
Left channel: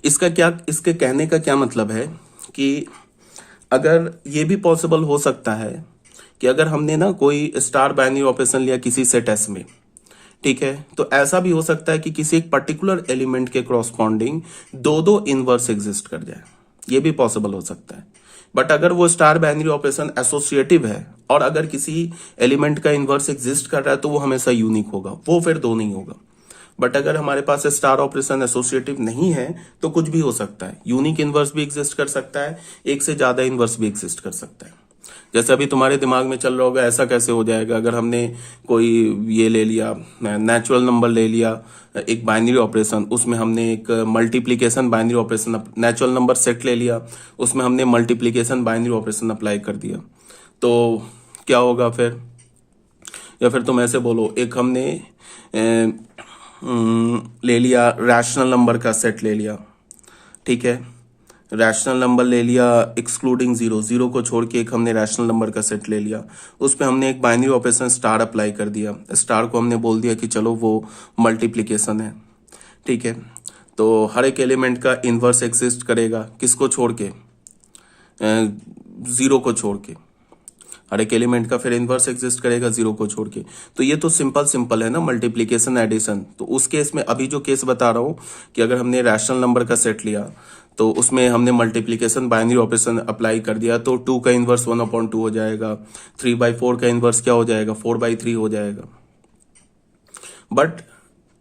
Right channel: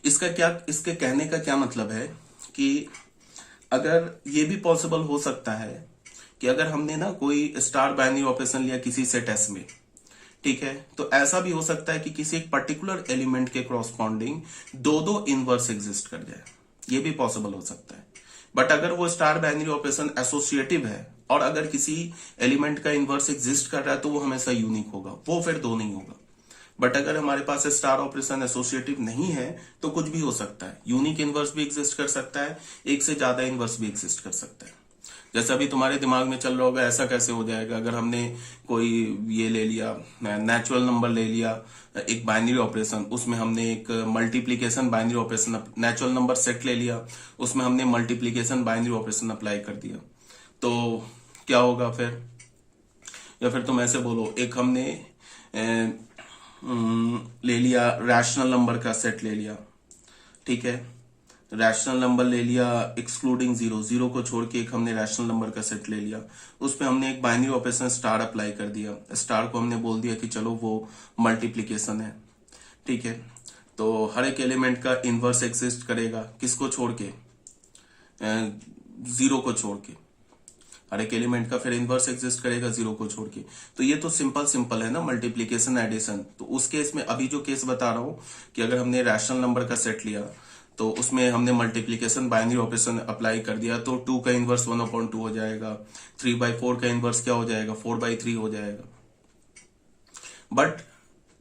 इसका क्या, इसके कहने का क्या मतलब है कि अगर ये भी पॉसिबल हो सकता है कि अगर हमने ना कोई स्टार बाइनरी ऑपरेशन लिया किसी सेट एस में, ठीक है, तो ऐसा भी हो सकता है कि किसी एक पर्टिकुलर एलिमेंट के कॉरस्पॉन्डिंग दो इनवर्स एग्जिस्ट कर जाए, ये भी पॉसिबल हो सकता है। बट अगर वो स्टार बाइनरी ऑपरेशन एसोसिएटिव है और अगर किसी एलिमेंट का इनवर्स एग्जिस्ट कर रहा है तो वो हमेशा यूनिक होगा, वो फिर दो नहीं होगा। बट अगर हमारे पास स्टार ऑपरेशन एसोसिएटिव नहीं है तो कुछ भी हो सकता है, यूनिक इनवर्स भी एग्जिस्ट कर सकता है, एक से ज्यादा इनवर्स भी एग्जिस्ट कर सकता है। जैसे अभी तुम्हारे दिमाग में चल रहा होगा ऐसा कैसे हो जाएगा, अगर हमने कोई ये ले लिया नेचुरल नंबर ले लिया एक बाइनरी ऑपरेशन, उसमें हमने एक multiplication binary operation, natural number set ले लिया उसमें हमने मल्टीप्लीकेशन बाइनरी ऑपरेशन अप्लाई कर दिया, तो क्या होगा फिर। या फिर तुम ऐसे बोलो, एक हमने ले लिया रैशनल नंबर का सेट ले लिया, ठीक है, रैशनल नंबर ले लिया एक्सक्लूडिंग जीरो, जीरो को छोड़ के एक हमने रैशनल नंबर का सेट ले लिया, उस पर हमने एक बाइनरी ऑपरेशन स्टार अप्लाई कर दिया, स्टार को हमने बोल दिया कि चलो वो मल्टीप्लीकेशन है, ठीक है। तो हर एक एलिमेंट का इनवर्स एग्जिस्ट करेगा, किसको छोड़ के, जीरो को छोड़ के, हर एक एलिमेंट का फिर इनवर्स एग्जिस्ट करेगा जीरो को छोड़ के। तो ये तो सिंपल है ना, मल्टीप्लीकेशन एडिशन। तो उस केस में अभी जो केस बता रहा हूं कि अगर हमने रैशनल नंबर का सेट लिया तो उसमें हमने मल्टीप्लीकेशन बाइनरी ऑपरेशन अप्लाई कर दिया, तो 2 का इनवर्स 1/2 हो जाएगा, 3/4 का इनवर्स क्या हो जाएगा, 4/3 हो जाएगा। बट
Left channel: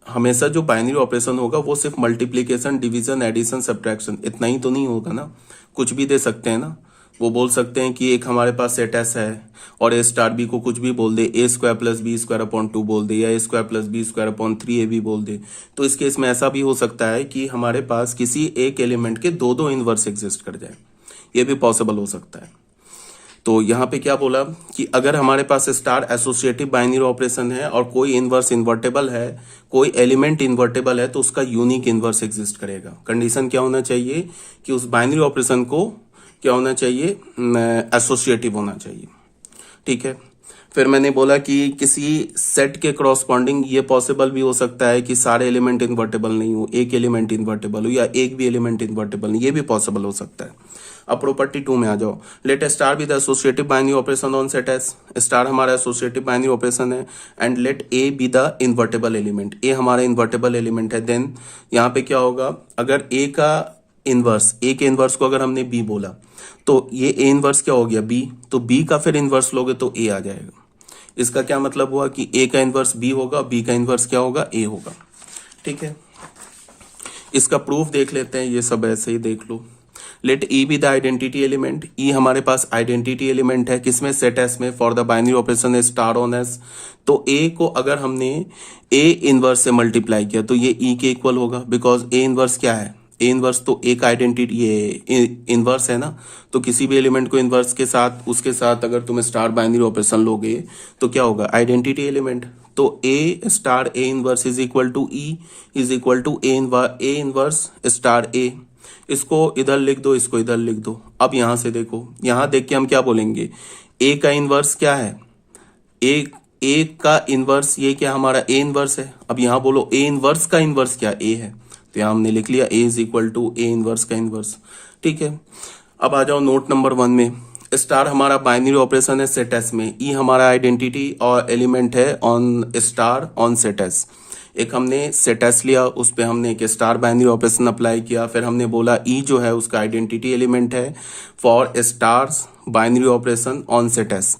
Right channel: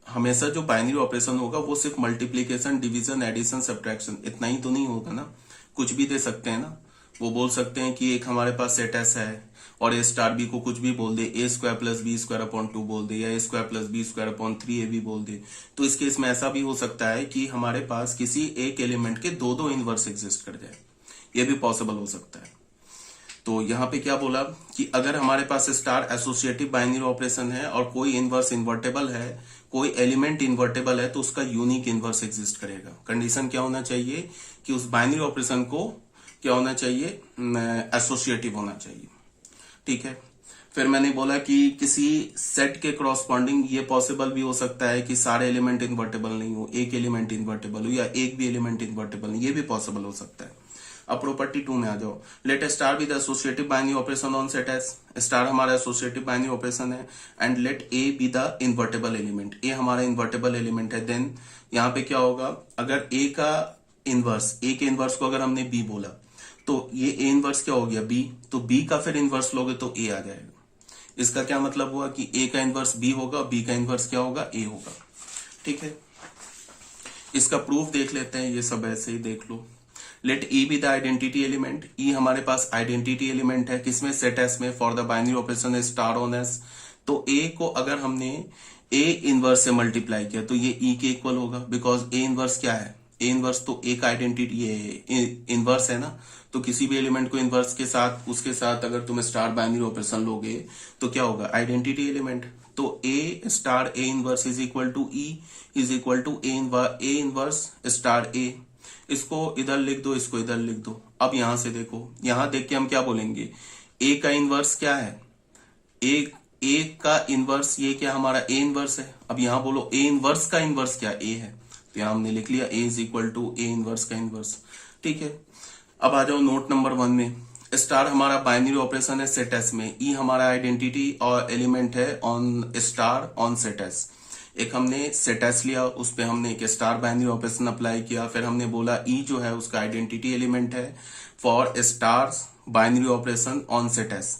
हमेशा जो बाइनरी ऑपरेशन होगा वो सिर्फ मल्टीप्लीकेशन, डिवीजन, एडिशन, सब्ट्रैक्शन, इतना ही तो नहीं होगा ना, कुछ भी दे सकते हैं ना। वो बोल सकते हैं कि एक हमारे पास सेट एस है और ए स्टार बी को कुछ भी बोल दे, a square plus B square upon 2 बोल दे, या a square plus B square upon 3 भी बोल दे। तो इस केस में ऐसा भी हो सकता है कि हमारे पास किसी एक एलिमेंट के दो इनवर्स एग्जिस्ट कर जाए, ये भी पॉसिबल हो सकता है। तो यहाँ पे क्या बोला कि अगर हमारे पास स्टार एसोसिएटिव बाइनरी ऑपरेशन है और कोई इनवर्स इन्वर्टेबल है, कोई एलिमेंट इन्वर्टेबल है, तो उसका यूनिक इनवर्स एग्जिस्ट करेगा। कंडीशन क्या होना चाहिए कि उस बाइनरी ऑपरेशन को क्या होना चाहिए, एसोसिएटिव होना चाहिए। ठीक है, फिर मैंने बोला कि किसी सेट के करॉस्पॉन्डिंग ये पॉसिबल भी हो सकता है कि सारे एलिमेंट इन्वर्टेबल नहीं हो, एक एलिमेंट इन्वर्टेबल हो या एक भी एलिमेंट इन्वर्टेबल नहीं, ये भी पॉसिबल हो सकता है। अब प्रॉपर्टी 2 में आ जाओ। Let star be the associative binary operation on set s. Star हमारा एसोसिएटिव बाइनरी ऑपरेशन है and let a be the invertible element. A हमारा इन्वर्टेबल एलिमेंट है। देन यहाँ पे क्या होगा, अगर ए का इनवर्स, ए के इनवर्स को अगर हमने बी बोला तो ये ए इनवर्स क्या हो गया, बी, तो बी का फिर इनवर्स लोगे तो ए आ जाएगा। इसका क्या मतलब हुआ कि ए का इनवर्स बी होगा, बी का इनवर्स क्या होगा, ए होगा। ठीक है, इसका प्रूफ देख लेते हैं, ये सब ऐसे ही देख लो। Let e be the identity element. E हमारे पास आइडेंटिटी एलिमेंट है, किसमें, सेट एस में, for the binary operation star on s. तो ए को अगर हमने ए इनवर्स से मल्टीप्लाई किया तो ये ई के इक्वल होगा, बिकॉज ए इनवर्स क्या है, ए इनवर्स तो एक आइडेंटिटी, ये इनवर्स है ना, तो किसी भी एलिमेंट को इनवर्स के साथ, उसके साथ अगर तुम स्टार बाइनरी ऑपरेशन लोगे तो क्या होगा, आइडेंटिटी एलिमेंट। तो a star a inverse is equal to e is equal to a inverse star a. इसको इधर लिख दो, इसको इधर लिख दो। अब यहां से देखो, यहां देख के हम क्या बोलेंगे, ए का इनवर्स क्या है, ए का इनवर्स, ये क्या हमारा ए इनवर्स है। अब यहां बोलो ए इनवर्स का इनवर्स क्या, ए है, तो यहां हमने लिख लिया a is equal to a inverse का इनवर्स। ठीक है, अब आ जाओ नोट नंबर 1 में। स्टार हमारा बाइनरी ऑपरेशन है सेट एस में, ई हमारा आइडेंटिटी और एलिमेंट है on star on set S. एक हमने सेट एस लिया, उस पे हमने एक स्टार बाइनरी ऑपरेशन अप्लाई किया, फिर हमने बोला ई जो है उसका आइडेंटिटी एलिमेंट है for stars binary operation on set s.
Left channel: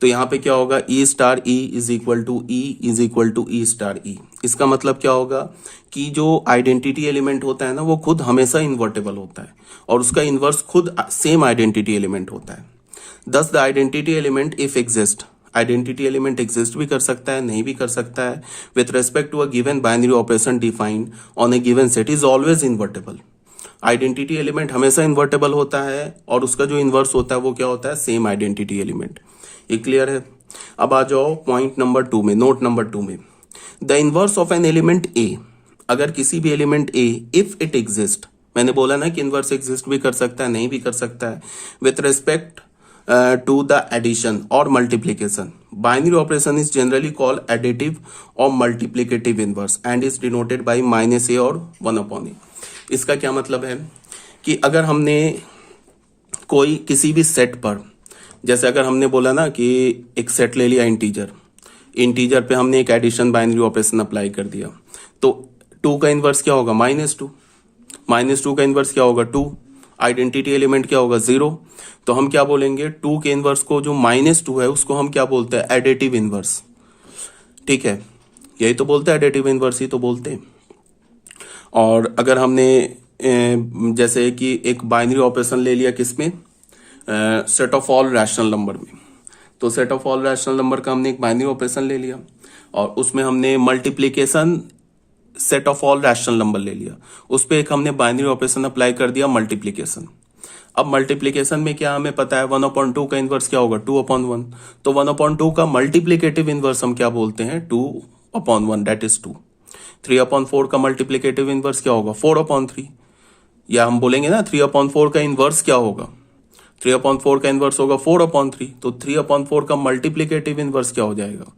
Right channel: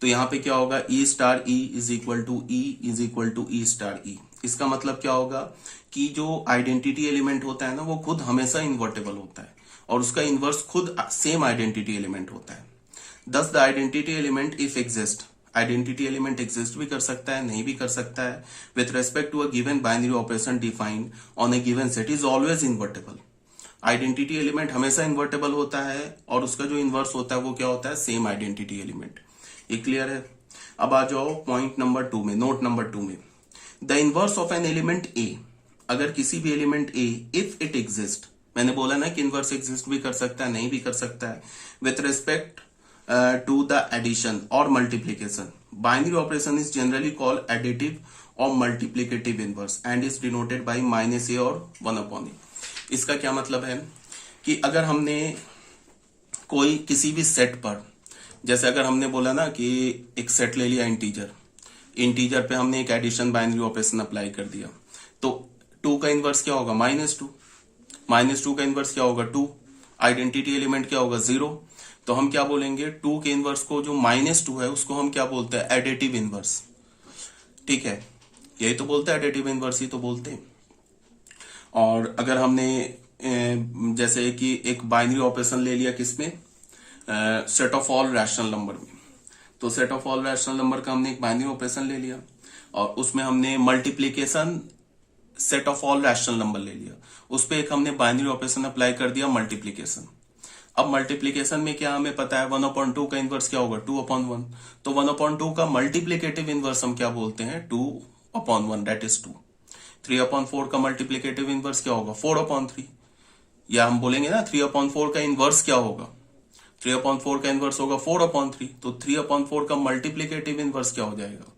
तो यहाँ पे क्या होगा, e star E is equal to e is equal to E star e. इसका मतलब क्या होगा कि जो आइडेंटिटी एलिमेंट होता है ना, वो खुद हमेशा इन्वर्टेबल होता है और उसका इनवर्स खुद सेम आइडेंटिटी एलिमेंट होता है। Thus the identity element if exist, identity element exist भी कर सकता है, नहीं भी कर सकता है, with respect to a given binary operation defined on a given set is always invertible. Identity element हमेशा इन्वर्टेबल होता है और उसका जो इनवर्स होता है वो क्या होता है, सेम आइडेंटिटी एलिमेंट। ये क्लियर है। अब आ जाओ पॉइंट नंबर 2 में, नोट नंबर 2 में। The inverse of an element a, अगर किसी भी element a if it exist, मैंने बोला ना कि इनवर्स एग्जिस्ट भी कर सकता है, नहीं भी कर सकता है, with respect to the addition और multiplication. Binary operation is generally called additive और multiplicative inverse and is denoted by -a और 1/a। इसका क्या मतलब है कि अगर हमने कोई किसी भी सेट पर, जैसे अगर हमने बोला ना कि एक सेट ले लिया इंटीजर, इंटीजर पे हमने एक एडिशन बाइनरी ऑपरेशन अप्लाई कर दिया, तो 2 का इनवर्स क्या होगा, -2, -2 का इनवर्स क्या होगा, 2, आइडेंटिटी एलिमेंट क्या होगा, 0। तो हम क्या बोलेंगे, 2 के इनवर्स को जो -2 है उसको हम क्या बोलते हैं, एडिटिव इनवर्स। ठीक है, यही तो बोलते हैं, एडिटिव इनवर्स ही तो बोलते हैं। और अगर हमने जैसे कि एक बाइनरी ऑपरेशन ले लिया किसमें, set of all rational number में, तो set of all rational number का हमने एक बाइनरी ऑपरेशन ले लिया और उसमें हमने multiplication set of all rational number ले लिया, उस पर एक हमने बाइनरी ऑपरेशन अप्लाई कर दिया मल्टीप्लीकेशन। अब मल्टीप्लीकेशन में क्या हमें पता है, 1/2 का इनवर्स क्या होगा, 2/1। तो 1/2 का मल्टीप्लीकेटिव इनवर्स हम क्या बोलते हैं, 2/1, दैट इज 2। 3/4 का मल्टीप्लीकेटिव इनवर्स क्या होगा, 4/3, या हम बोलेंगे ना 3/4 का इनवर्स क्या होगा, 3/4 का इनवर्स होगा 4/3। तो 3/4 का मल्टीप्लीकेटिव इनवर्स क्या हो जाएगा,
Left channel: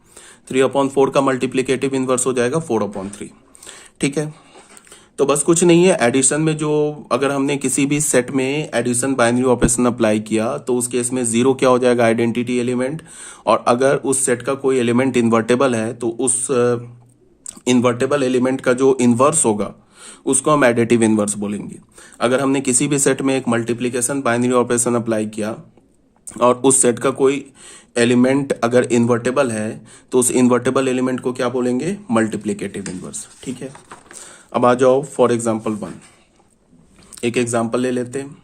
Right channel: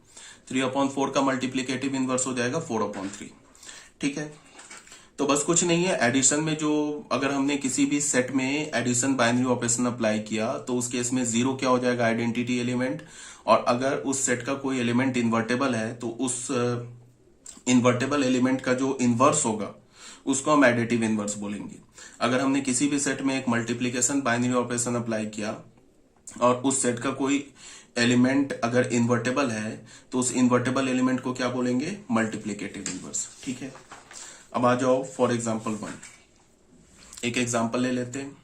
3/4 का मल्टीप्लीकेटिव इनवर्स हो जाएगा 4/3। ठीक है, तो बस कुछ नहीं है। एडिशन में जो, अगर हमने किसी भी सेट में एडिशन बाइनरी ऑपरेशन अप्लाई किया तो उस केस में 0 क्या हो जाएगा, आइडेंटिटी एलिमेंट, और अगर उस सेट का कोई एलिमेंट इन्वर्टेबल है तो उस इन्वर्टेबल एलिमेंट का जो इनवर्स होगा उसको हम एडिटिव इनवर्स बोलेंगे। अगर हमने किसी भी सेट में एक मल्टीप्लीकेशन बाइनरी ऑपरेशन अप्लाई किया और उस सेट का कोई एलिमेंट अगर इन्वर्टेबल है तो उस इन्वर्टेबल एलिमेंट को क्या बोलेंगे, मल्टीप्लीकेटिव इनवर्स। ठीक है, अब आ जाओ फॉर एग्जांपल 1, एक एग्जांपल ले लेते हैं।